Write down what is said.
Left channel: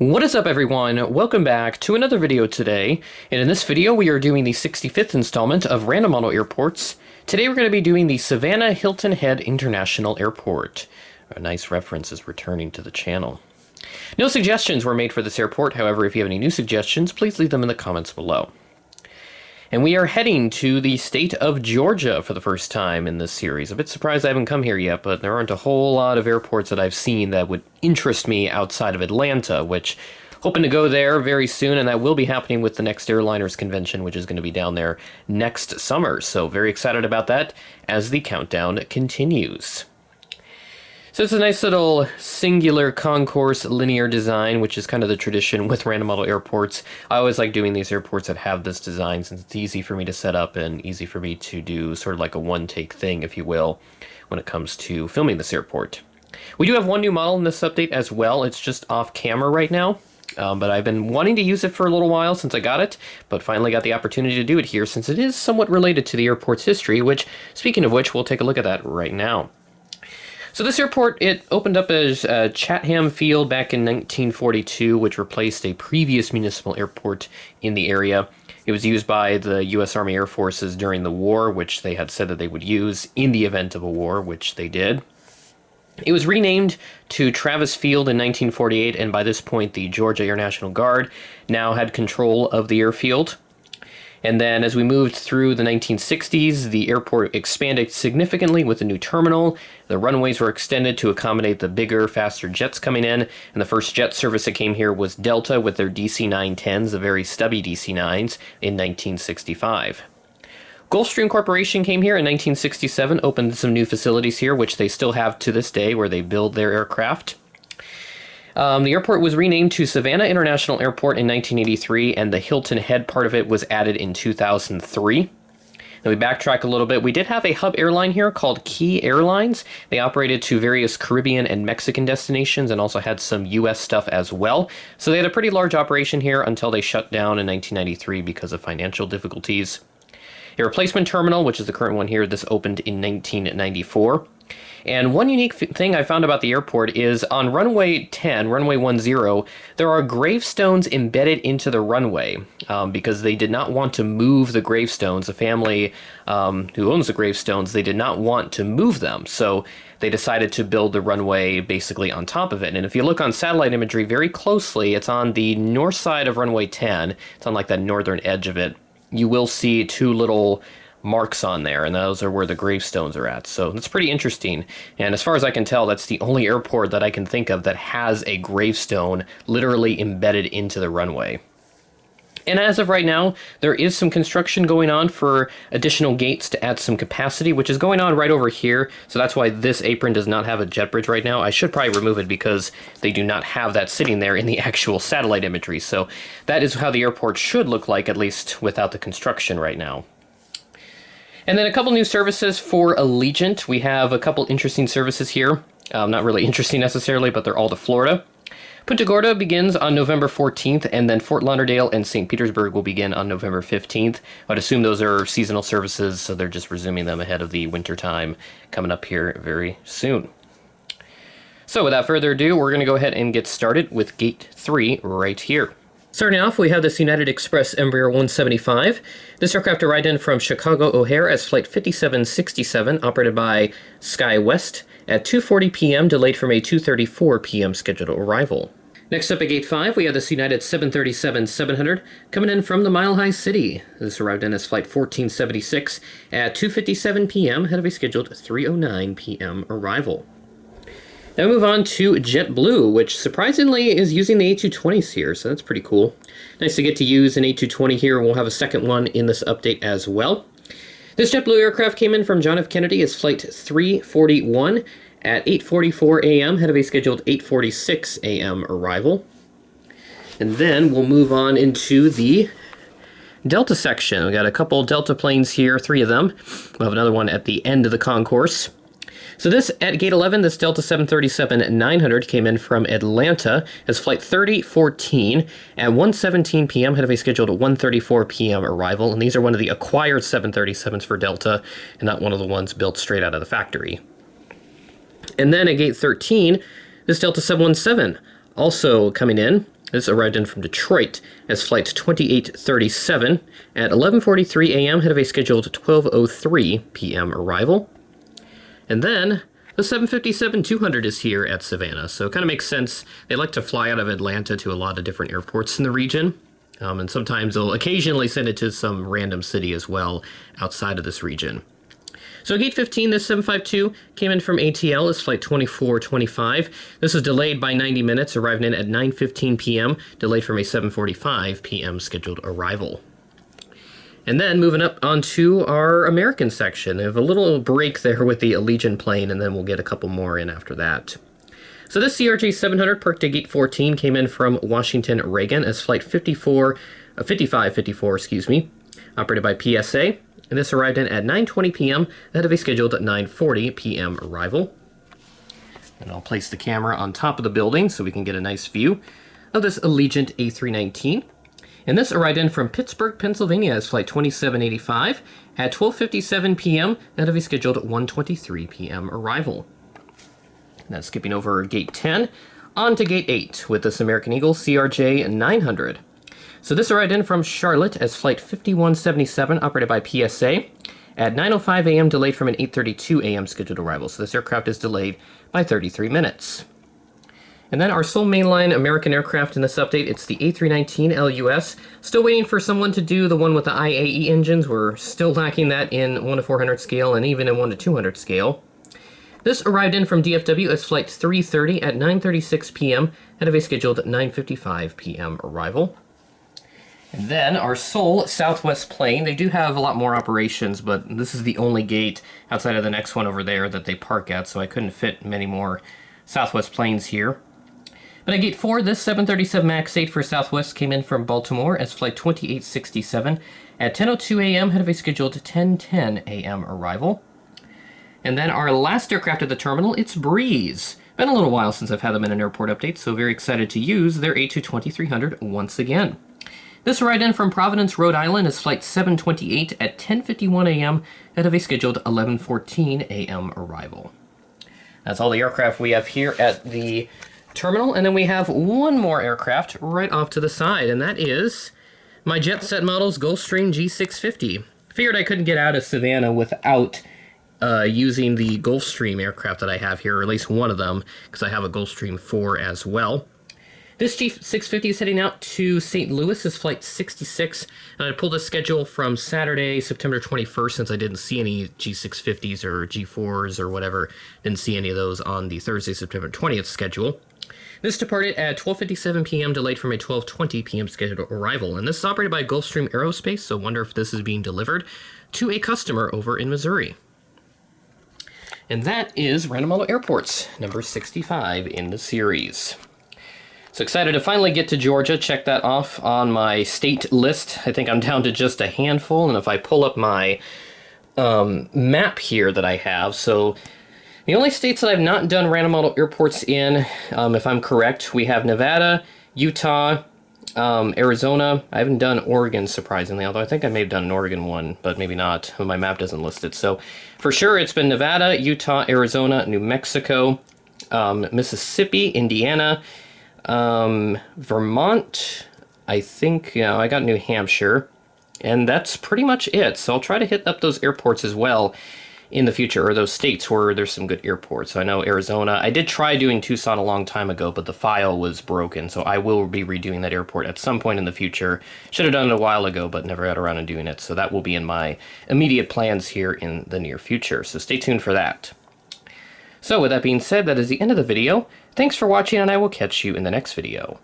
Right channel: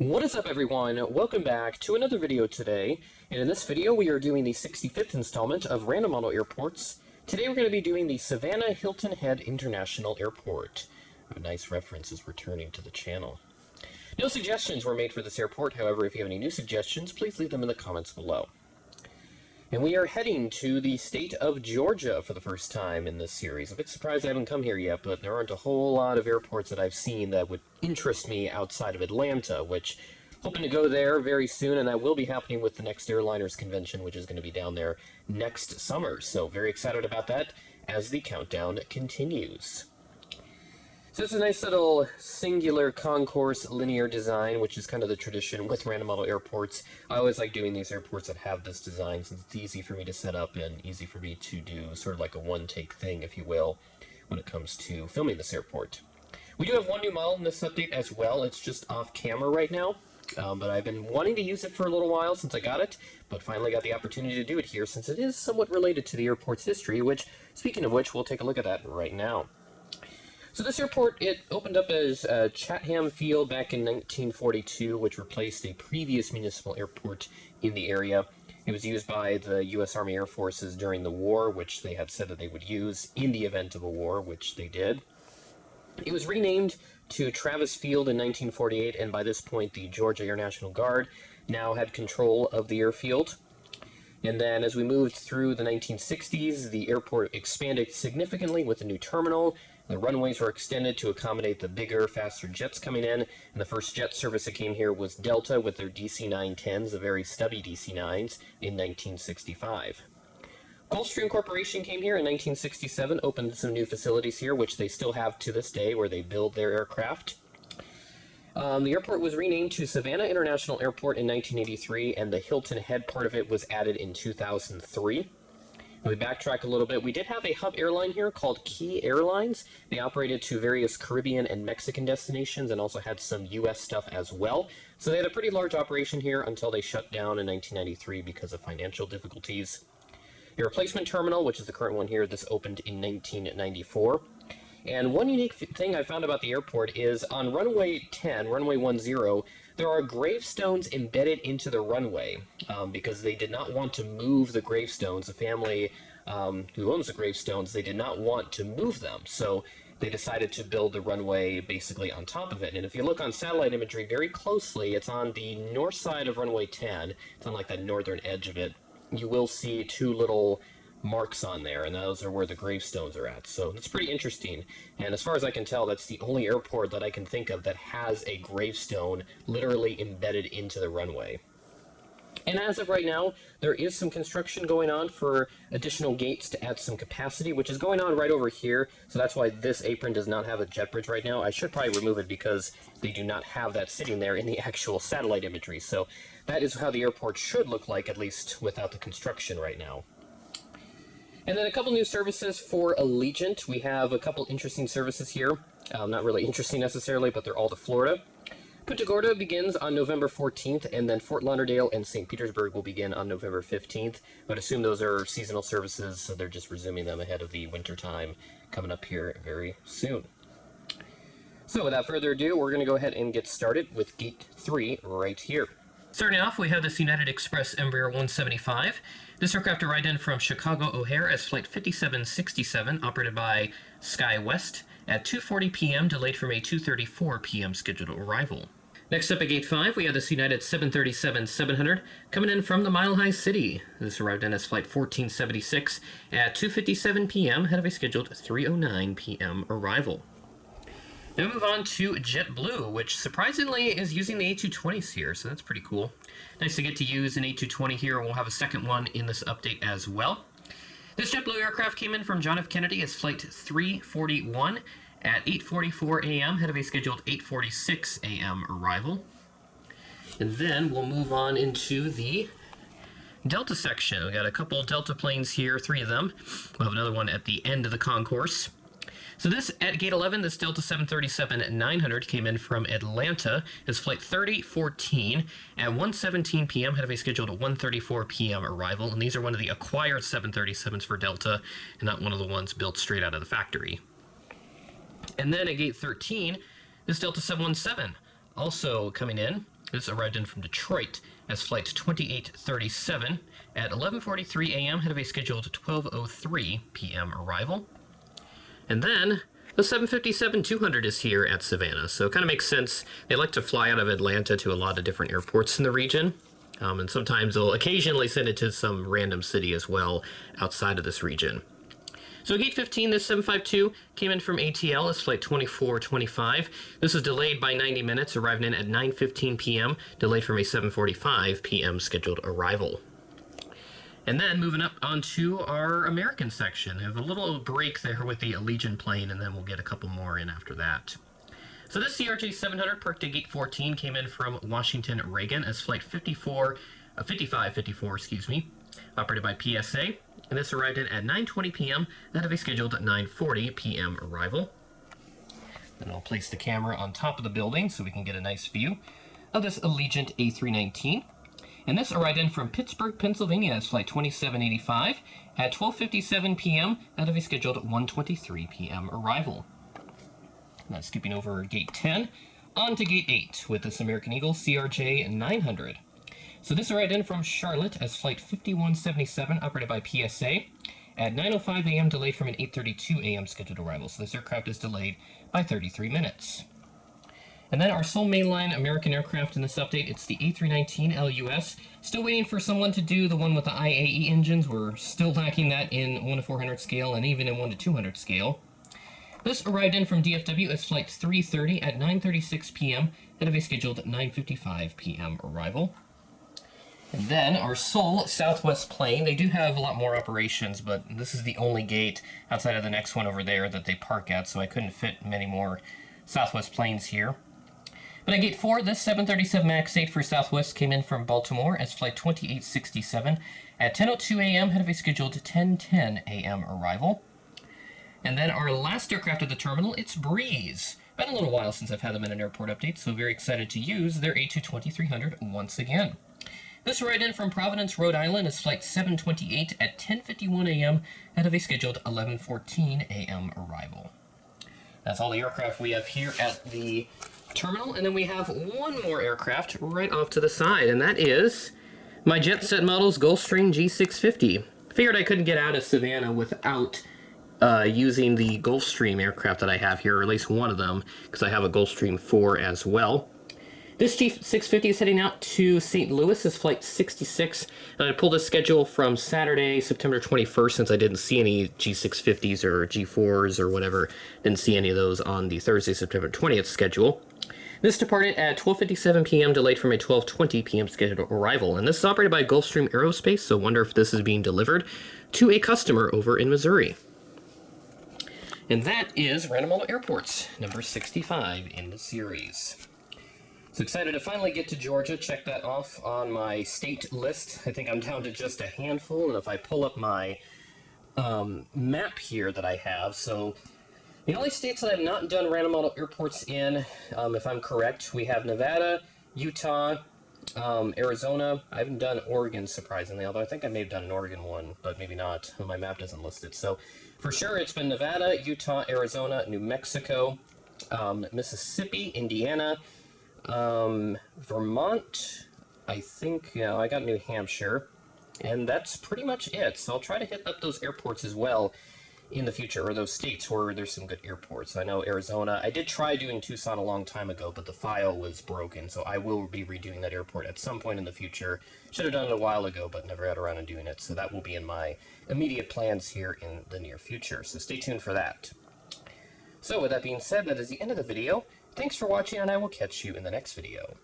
What is up, everyone? Welcome back to another video today, and in this video we are doing the 65th installment of Random Model Airports. Today we're going to be doing the Savannah Hilton Head International Airport. A nice reference is returning to the channel. No suggestions were made for this airport, however, if you have any new suggestions, please leave them in the comments below. And we are heading to the state of Georgia for the first time in this series. A bit surprised I haven't come here yet, but there aren't a whole lot of airports that I've seen that would interest me outside of Atlanta, which hoping to go there very soon, and that will be happening with the next airliners convention, which is going to be down there next summer. So very excited about that as the countdown continues. So it's a nice little singular concourse linear design, which is kind of the tradition with random model airports. I always like doing these airports that have this design since it's easy for me to set up and easy for me to do sort of like a one-take thing, if you will, when it comes to filming this airport. We do have one new model in this update as well. It's just off camera right now, but I've been wanting to use it for a little while since I got it, but finally got the opportunity to do it here since it is somewhat related to the airport's history, which, speaking of which, we'll take a look at that right now. So this airport, it opened up as Chatham Field back in 1942, which replaced a previous municipal airport in the area. It was used by the U.S. Army Air Forces during the war, which they had said that they would use in the event of a war, which they did. It was renamed to Travis Field in 1948, and by this point, the Georgia Air National Guard now had control of the airfield. And then as we moved through the 1960s, the airport expanded significantly with a new terminal. The runways were extended to accommodate the bigger, faster jets coming in. And the first jet service that came here was Delta with their DC-910s, the very stubby DC-9s, in 1965. Gulfstream Corporation came here in 1967, opened some new facilities here, which they still have to this day, where they build their aircraft. The airport was renamed to Savannah International Airport in 1983, and the Hilton Head part of it was added in 2003. Then we backtrack a little bit. We did have a hub airline here called Key Airlines. They operated to various Caribbean and Mexican destinations and also had some U.S. stuff as well. So they had a pretty large operation here until they shut down in 1993 because of financial difficulties. A replacement terminal, which is the current one here, this opened in 1994. And one unique thing I found about the airport is on runway 10, runway 10, there are gravestones embedded into the runway because they did not want to move the gravestones. The family who owns the gravestones, they did not want to move them. So they decided to build the runway basically on top of it. And if you look on satellite imagery very closely, it's on the north side of runway 10. It's on like that northern edge of it. You will see two little marks on there, and those are where the gravestones are at. So that's pretty interesting. And as far as I can tell, that's the only airport that I can think of that has a gravestone literally embedded into the runway. And as of right now, there is some construction going on for additional gates to add some capacity, which is going on right over here. So that's why this apron does not have a jet bridge right now. I should probably remove it because they do not have that sitting there in the actual satellite imagery. So that is how the airport should look like, at least without the construction right now. And then a couple new services for Allegiant. We have a couple interesting services here. Not really interesting necessarily, but they're all to Florida. Punta Gorda begins on November 14th, and then Fort Lauderdale and St. Petersburg will begin on November 15th. I'd assume those are seasonal services, so they're just resuming them ahead of the winter time coming up here very soon. So without further ado, we're going to go ahead and get started with Gate 3 right here. Starting off, we have this United Express Embraer 175. This aircraft arrived in from Chicago O'Hare as Flight 5767, operated by SkyWest, at 2:40 p.m., delayed from a 2:34 p.m. scheduled arrival. Next up at Gate 5, we have this United 737-700 coming in from the Mile High City. This arrived in as Flight 1476 at 2:57 p.m., ahead of a scheduled 3:09 p.m. arrival. Now we move on to JetBlue, which surprisingly is using the A220s here, so that's pretty cool. Nice to get to use an A220 here. We'll have a second one in this update as well. This JetBlue aircraft came in from John F. Kennedy as Flight 341 at 8:44 a.m., ahead of a scheduled 8:46 a.m. arrival. And then we'll move on into the Delta section. We got a couple Delta planes here, 3 of them. We'll have another one at the end of the concourse. So this, at Gate 11, this Delta 737-900 came in from Atlanta as Flight 3014 at 1:17 p.m., ahead of a scheduled 1:34 p.m. arrival. And these are one of the acquired 737s for Delta, and not one of the ones built straight out of the factory. And then at Gate 13, this Delta 717 also coming in This arrived in from Detroit as Flight 2837 at 11:43 a.m. ahead of a scheduled 12:03 p.m. arrival. And then the 757-200 is here at Savannah, so it kind of makes sense. They like to fly out of Atlanta to a lot of different airports in the region, and sometimes they'll occasionally send it to some random city as well outside of this region. So gate 15, this 752 came in from ATL as flight 2425. This was delayed by 90 minutes, arriving in at 9:15 p.m., delayed from a 7:45 p.m. scheduled arrival. And then moving up onto our American section, we have a little break there with the Allegiant plane, and then we'll get a couple more in after that. So this CRJ 700 parked at gate 14 came in from Washington Reagan as flight 5554, operated by PSA. And this arrived in at 9:20 p.m. ahead of a scheduled 9:40 p.m. arrival. And I'll place the camera on top of the building so we can get a nice view of this Allegiant A319. And this arrived in from Pittsburgh, Pennsylvania as flight 2785 at 12:57 p.m. ahead of a scheduled 1:23 p.m. arrival. Now skipping over gate 10 on to gate 8 with this American Eagle CRJ 900. So this arrived in from Charlotte as flight 5177 operated by PSA at 9:05 a.m. delayed from an 8:32 a.m. scheduled arrival. So this aircraft is delayed by 33 minutes. And then our sole mainline American aircraft in this update, it's the A319 LUS. Still waiting for someone to do the one with the IAE engines. We're still lacking that in 1 to 400 scale and even in 1 to 200 scale. This arrived in from DFW as flight 330 at 9:36 p.m. ahead of a scheduled 9:55 p.m. arrival. And then our sole Southwest plane, they do have a lot more operations, but this is the only gate outside of the next one over there that they park at, so I couldn't fit many more Southwest planes here. But at gate 4, this 737 MAX 8 for Southwest came in from Baltimore as flight 2867 at 10:02 a.m. ahead of a scheduled 10:10 a.m. arrival. And then our last aircraft at the terminal, it's Breeze. Been a little while since I've had them in an airport update, so very excited to use their A220-300 once again. This arrived in from Providence, Rhode Island as flight 728 at 10:51 a.m. ahead of a scheduled 11:14 a.m. arrival. That's all the aircraft we have here at the terminal, and then we have one more aircraft right off to the side, and that is my Jet Set Models Gulfstream G650. Figured I couldn't get out of Savannah without using the Gulfstream aircraft that I have here, or at least one of them, because I have a Gulfstream 4 as well. This G650 is heading out to St. Louis as flight 66, and I pulled a schedule from Saturday, September 21st, since I didn't see any G650s or G4s or whatever. Didn't see any of those on the Thursday, September 20th schedule. This departed at 12:57 p.m., delayed from a 12:20 p.m. scheduled arrival, and this is operated by Gulfstream Aerospace, so wonder if this is being delivered to a customer over in Missouri. And that is Random Model Airports, number 65 in the series. So excited to finally get to Georgia, check that off on my state list. I think I'm down to just a handful, and if I pull up my map here that I have, so the only states that I've not done random model airports in, if I'm correct, we have Nevada, Utah, Arizona. I haven't done Oregon, surprisingly, although I think I may have done an Oregon one, but maybe not. My map doesn't list it. So for sure, it's been Nevada, Utah, Arizona, New Mexico, Mississippi, Indiana, Vermont, I think, I got New Hampshire, and that's pretty much it. So I'll try to hit up those airports as well in the future, or those states where there's some good airports. I know Arizona, I did try doing Tucson a long time ago, but the file was broken, so I will be redoing that airport at some point in the future. Should have done it a while ago, but never got around to doing it, so that will be in my immediate plans here in the near future, so stay tuned for that. So with that being said, that is the end of the video. Thanks for watching, and I will catch you in the next video.